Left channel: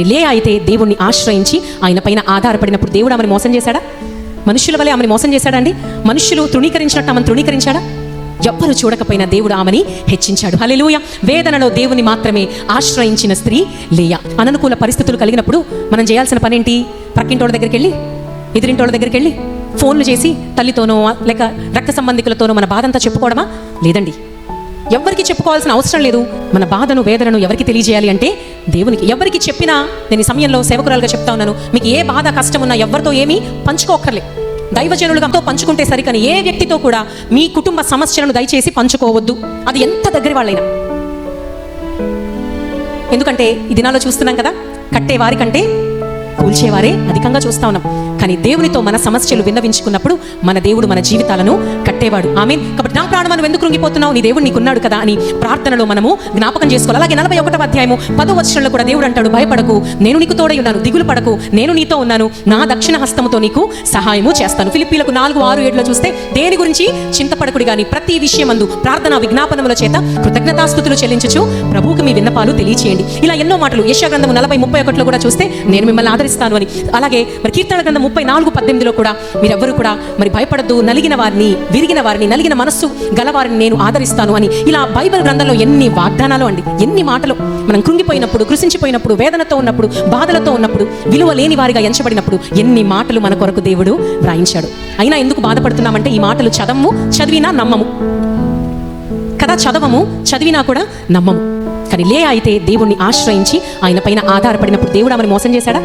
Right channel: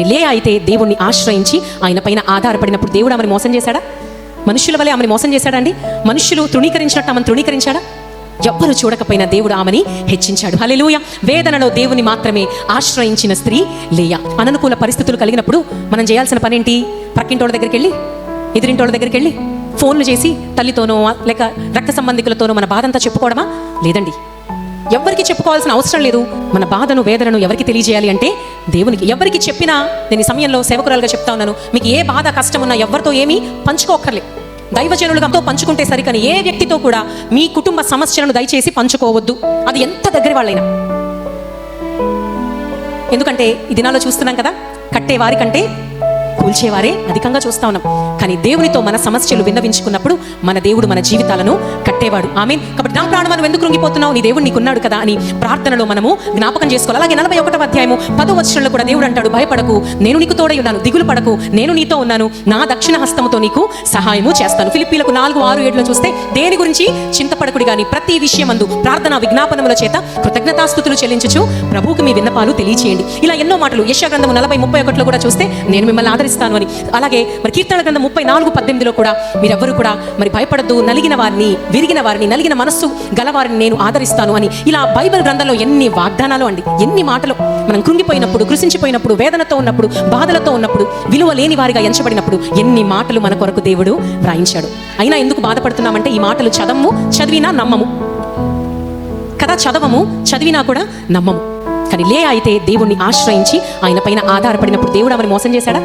కానీ లేయా అయితే దేవుణ్ణి ఆశ్రయించి ఆయన పైన ఆధారపడినప్పుడు దేవుడు ఆమెను మోసం చేశాడా? మనుషుల వల్ల ఆమెను మోసం చేశాడండి? మనుషులు తృణీకరించినట్టు ఆమెను తృణీకరించాడా? ఎవ్వరు చూడకపోయినా దేవుడు ఆమెని హెచ్చించాడు. హల్లెలూయా. వేదనలో దేవుని మాత్రమే ఆశ్రయించిన స్త్రీ లేయా. అననుకూల పరిస్థితులు కలిగినప్పుడు మనం చేయాల్సిన పని ఏంటి? పక్కింటోళ్ళ దగ్గరికి వెళ్ళి, ఎదురింటోళ్ళ దగ్గరికి వెళ్ళి ఫోన్లు చేసి తల్లితోనో లేక రక్త సంబంధికులతోనో మన బాధ అంతా చెప్పుకోవడమా? లేదండి, ఎవరికి చెప్పుకోవాల్సిన అవసరం లేదు. మన బాధను వేదనను ఎవరికి తెలియజేయాలి అంటే దేవునికి. ఎవరికి చెప్పినా, నేను ఈ సమయంలో సేవకురాలుగా చెప్తా ఉన్నాను, మీకు ఏ బాధ కష్టం ఉన్నా ఎవరితో ఏమీ పంచుకోకర్లేదు. దైవజనులతో పంచుకుంటే సరికని ఏ వ్యక్తితో కూడా మీ కుటుంబ సమస్యలను దయచేసి పంచుకోవద్దు, అది ఎంత దగ్గర వాళ్ళైనా. ఎందుకంటే ఈ దినాల్లో చూస్తున్నాం కదా, కట్టేవారి కంటే కూల్చేవారే అధికంగా చూస్తా ఉన్నాం. కానీ దేవునితో మన సమస్యలు విన్నవించుకున్నప్పుడు మన దేవుడు మన జీవితాలను కట్టేవాడు. ఆమేన్. కాబట్టి నా ప్రాణం నువ్వు ఎందుకు కృంగిపోతున్నావు, నీ దేవుడు నీకున్నాడు కదా అని ప్రార్థనలో మనము జ్ఞాపకం చేసుకోవాలి. అలాగే 41వ అధ్యాయము 10వ వచనంలో కూడా దేవుడు అంటాడు, భయపడకు, నేను నీకు తోడై ఉన్నాను, దిగులు పడకు, నేను నీతో ఉన్నాను, నా దక్షిణ హస్తముతో నీకు సహాయము చేస్తాను. ఫిలిప్పీలకు 4:6-7 చూస్తే దేని గురించి చింతపడకుడి గాని ప్రతి విషయమందు ప్రార్థన విజ్ఞాపనముల చేత కృతజ్ఞతాస్తుతులు చెల్లించుచు ప్రభువుకు మీ విన్నపాలు తెలియచేయండి. ఇలా ఎన్నో మాటలు. యెషయా గ్రంథము 40:31 కూడా చూస్తే నేను మిమ్మల్ని ఆదరిస్తాను అని. అలాగే మరి కీర్తన గ్రంథం 34:18 కూడా మీరెవ్వరూ కూడా మరి భయపడద్దు, నలిగిన వారిని, విరిగిన వారిని, నలిగిన మనస్సు గలవారిని నేను ఆదరిస్తాను అని. ఇలా బైబిల్ గ్రంథంలో ఎన్ని వాగ్దానాలు అండి, ఎన్ని మాటలు. మనం కృంగిపోయినప్పుడు, కృషించిపోయినప్పుడు, వేదనతో ఉన్నప్పుడు, బాధలతో ఉన్నప్పుడు, విలువ లేని వారిగా ఎంచబడినప్పుడు ఎన్ని మాటలు మన కొరకు దేవుడు రాయించాడు. అయినా ఎందుకు బాధపడుతున్నామంటే ఈ మాటలు చదివినా నమ్మము కదా, చదివినా కూడా నమ్మము. కానీ లేయా అయితే దేవుణ్ణి ఆశ్రయించి ఆయన పైన ఆధారపడినప్పుడు దేవుడు ఆమెను మోసం చేశాడా?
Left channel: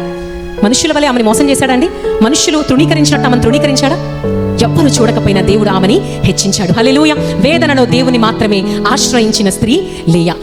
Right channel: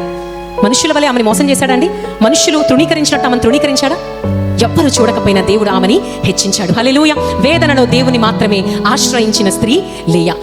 మనుషుల వల్ల ఆమెను మోసం చేశాడండి? మనుషులు తృణీకరించినట్టు ఆమెను తృణీకరించాడా? ఎవ్వరు చూడకపోయినా దేవుడు ఆమెని హెచ్చించాడు. హల్లెలూయా. వేదనలో దేవుని మాత్రమే ఆశ్రయించిన స్త్రీ లేయా.